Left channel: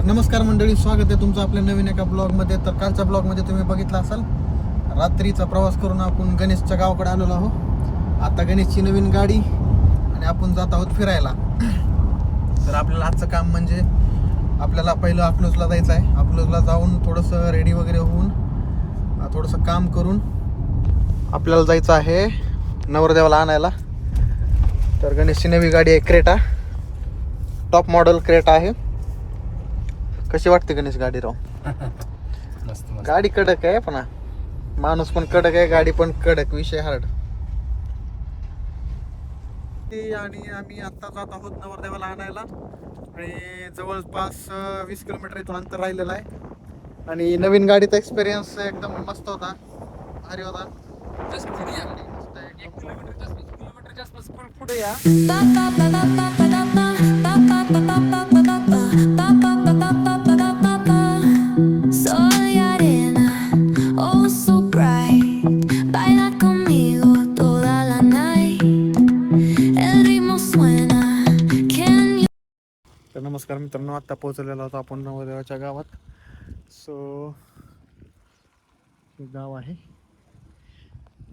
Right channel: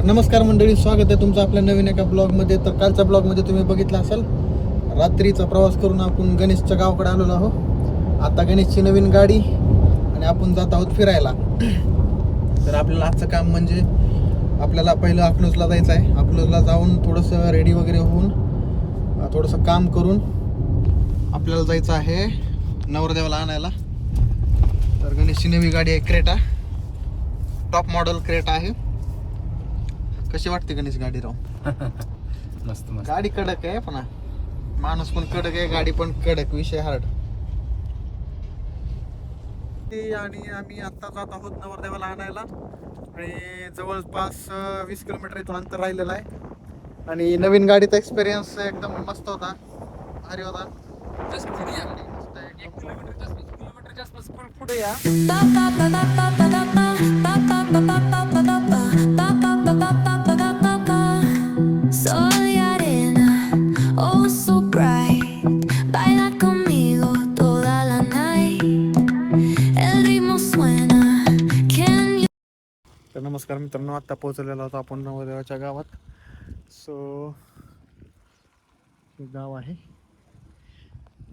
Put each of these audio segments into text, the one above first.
तर नमस्कार मंडळी, स्वागत आहे तुमचं आपल्या नवीन एका ब्लॉगमध्ये. तर कालच्या ब्लॉगमध्ये तुम्ही बघितला असाल, रात्रीचा प्रवास करून आपण गणेशच्या गावाकडे आलेलो आहोत. आता गणेशची नवीन गाडी आणि आपण जात आहोत फिरायला. तर आपल्याला आजचं काम म्हणजे आपल्याला पहिलं अकलूजला जायचं आहे. अकलूजला जाऊन थोडंसं रेडी वगैरे होऊन थोडंसं काम करून आपल्याला जायचं आहे नवरदेवाला आणायला. तर गणेशची नवी गाडी आहे, क्रेटा, टॉप मॉडेल क्रेटा आहे. कशी वाटते गणेश गाडी राव? मस्त मस्त. गाडी कडक आहे, पण माणूस पण कडक आहे, गाडी पण कडक, विषय हार्ड. आणि आम्ही आता जात आहोत नवरदेवाला आणायला आणि जवळपास 20 किलोमीटर इथून अंतर राहिलेलं आहे. आणि नवीन गाडीचा एक्सपिरियन्स एकदम मस्त होता, भारी होता. पुढे या. Sol y arena, oh so bright. Baila conmigo toda la night. El ritmo suena. Can you? तर नमस्कार मित्रांनो, आता पोहोचलेलो आहोत आपण नवरदेवाच्या गावात. सो हे गाव आहे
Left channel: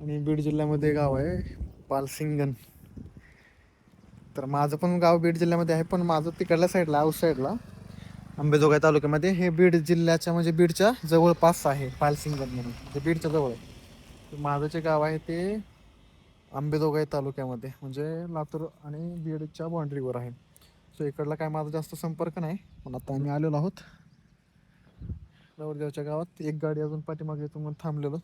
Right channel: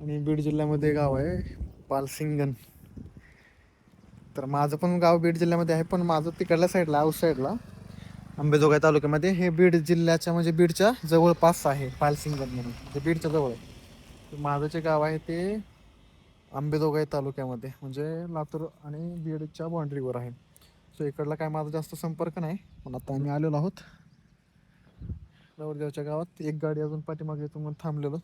आणि बीड जिल्ह्यामध्ये गाव आहे पालसिंगन. तर माझं पण गाव बीड जिल्ह्यामध्ये आहे, पण माझं तिकडल्या साईडला, आऊट साईडला, अंबेजोगाई तालुक्यामध्ये. हे बीड जिल्ह्याच्या म्हणजे बीडच्या जवळपास आहे पालसिंगन म्हणून, ते बीडच्या जवळ आहे. माझं जे गाव आहे ते अंबेजोगाई तालुक्यामध्ये, म्हणजे लातूर आणि बीडच्या बाँड्रीवर आहे. सो इकडला काय माझा जास्त संपर्क नाही, पण आता आम्ही आलेलो आहोत नवरदेवाच्या गावात. एक गाडी अजून पाठीमागे येतो म्हणून थांबलेलो.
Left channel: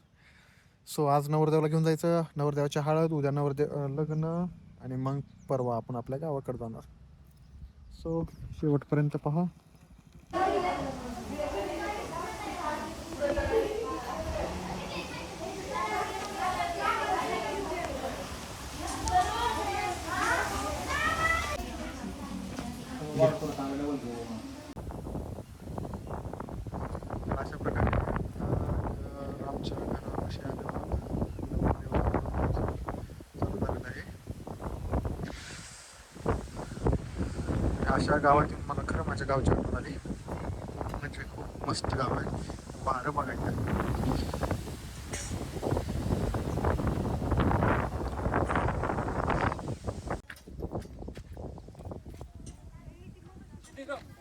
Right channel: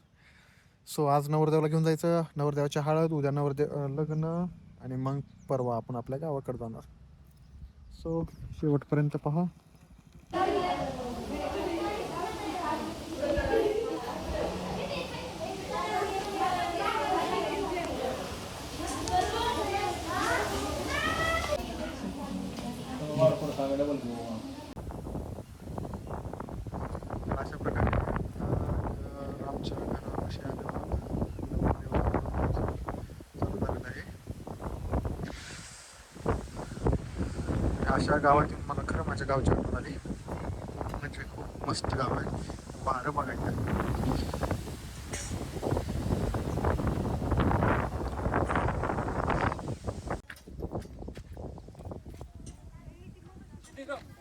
सो आज नवरदेवाला घेऊन जायचं, नवरदेवाची हळद, उद्या लग्न, आणि मग परवा आपण आपल्या गावाकडे जाणार. सो शेवटपर्यंत पहा. अशा प्रकारे आमच्या घरापाशी आलेलो चालू झालेलं आहे. अशा गावात येऊन मला खरं माझ्या गावची आठवण आली. म्हणजे खूप मस्त गाव आहे, वारं बघायचं.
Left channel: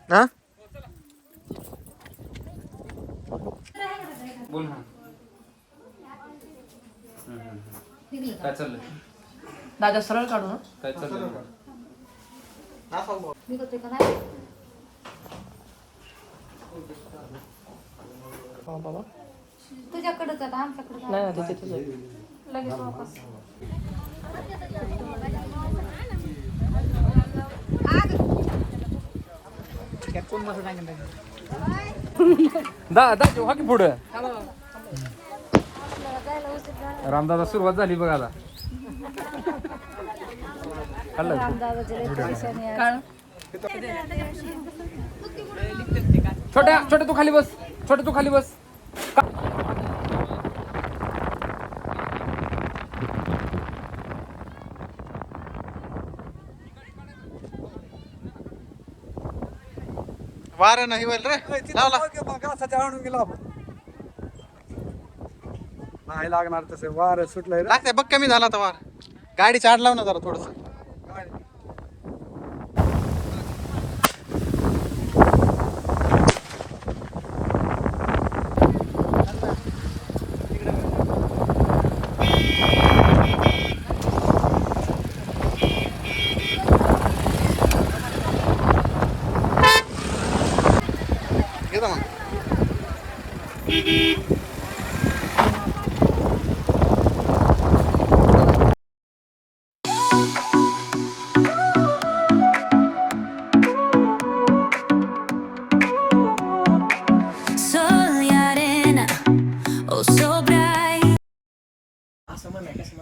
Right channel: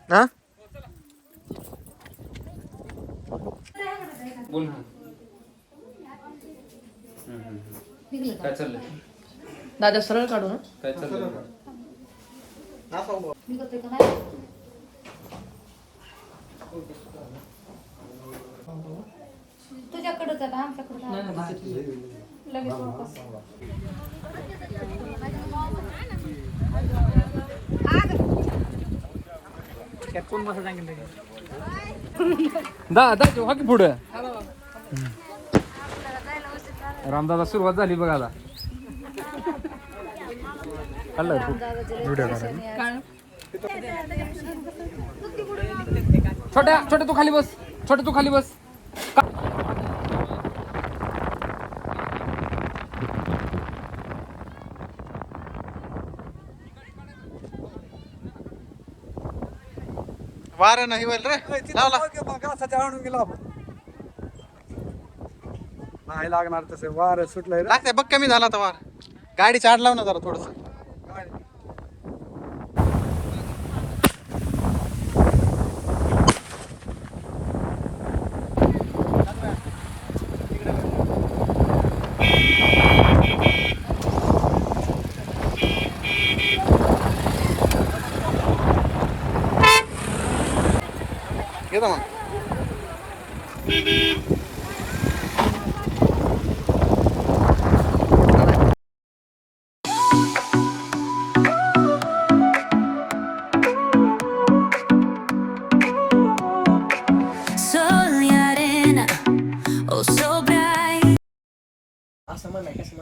हा बोल ना. काय चाललंय? दादा सरळ काढू ना. काय चाललंय? तुझ्याकडेच आता आमच्याकडे नाही नाही, तिथे तुझं. लगेच वापस. कोण मस्त सांगितलं? दा तेव्हा की पुढं रामदादा सुरुवात झाली बघ आता. छोट्या छोट्या तू खाली बस, छोट्या तू खाली बस. वारं नाही होईल रे, लावला. आणून गेला आपण. नाही लागणार तसे, वार सुटलंय. लागतंय बघ, कमी झाला आता वार. गाडी चाड लाव ना जरा थोडस. घेता मग. Sol y arena, oh so bright.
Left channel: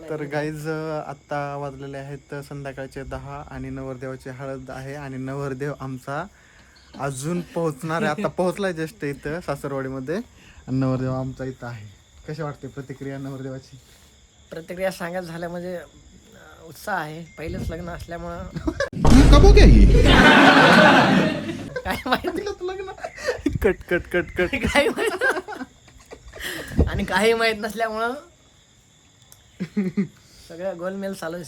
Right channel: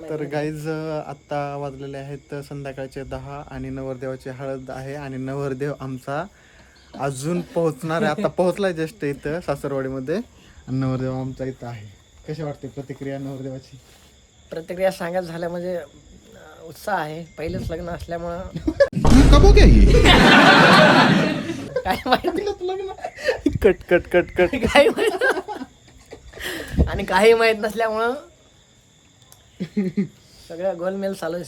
तर गाईज आत्ता वाजलेले आहेत संध्याकाळचे 10 आणि नवरदेवाची हळद आहे आणि नवरदेव आमचा अजून पोहोचणार आहे. आता पोहोचलाय जस्ट इथं सासरवाडीमध्ये. नवरदेव आमचा इथं आहे. कशी वाटते प्रतिक्रिया नवरदेवाची? प्रतिक्रिया सांगायचं झाल्या म्हणजे उत्साह आहे. पहिलेच लग्न असल्यामुळं कबो क्या ये काय माहिती. लग्न कट कट कट कट. काही आणि काही माहित नसल्यामुळं सगळं गोलमेल चालू आहे.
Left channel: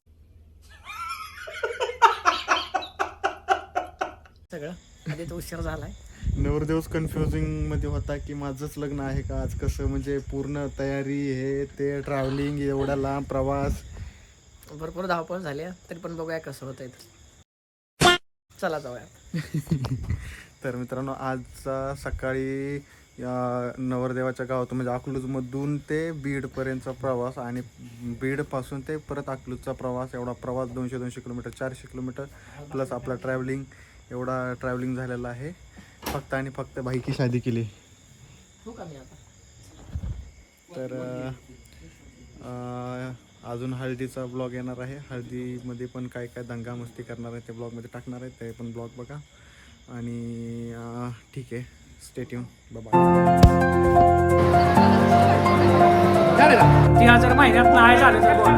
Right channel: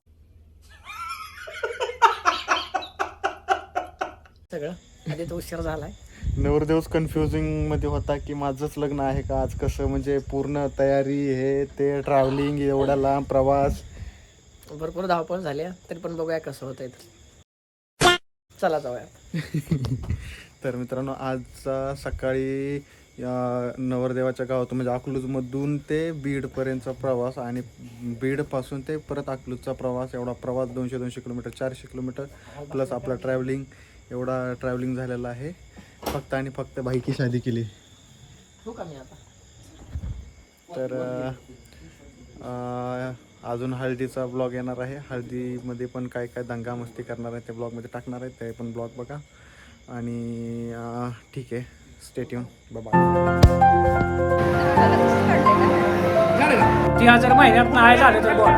सगळं आधी तो उशीर झालाय. नवरदेवच कन्फ्युजिंग मध्ये होता की माझंच लग्न आहे का आज, कसं म्हणजे पूर्ण तयारी हे ते ट्रॅव्हलिंग एवढा लांब प्रवास. भरपूर धावपळ झाली आहे, तरी पण बघूया कसं होतंय तर. चला जाऊया. तर मित्रांनो आज सकाळी नवरदेवाच्या गावातून म्हणजे अकलूजमधून ते बीडपर्यंतचा प्रवास आणि बीडपासून ते परत अकलूजचा प्रवास, एवढा प्रवास 200 किलोमीटर 400 किलोमीटर प्लस आपला ट्रॅव्हलिंग, एवढा ट्रॅव्हलिंग झालेला आहे फक्त आणि फक्त बाईकी शादी केली. हो का मी आता तर अजून हळदीचा ब्लॉग येणार आहे. हळदीमध्ये पण काय काय दंगा मस्ती करणार आहे ते ब्लॉगमध्ये टाकणार आहे, ते पण ब्लॉग बघा. आणि ठीक आहे, स्टे ट्यून, बाय. 3000 महिन्यात नाही झाले तर बोल.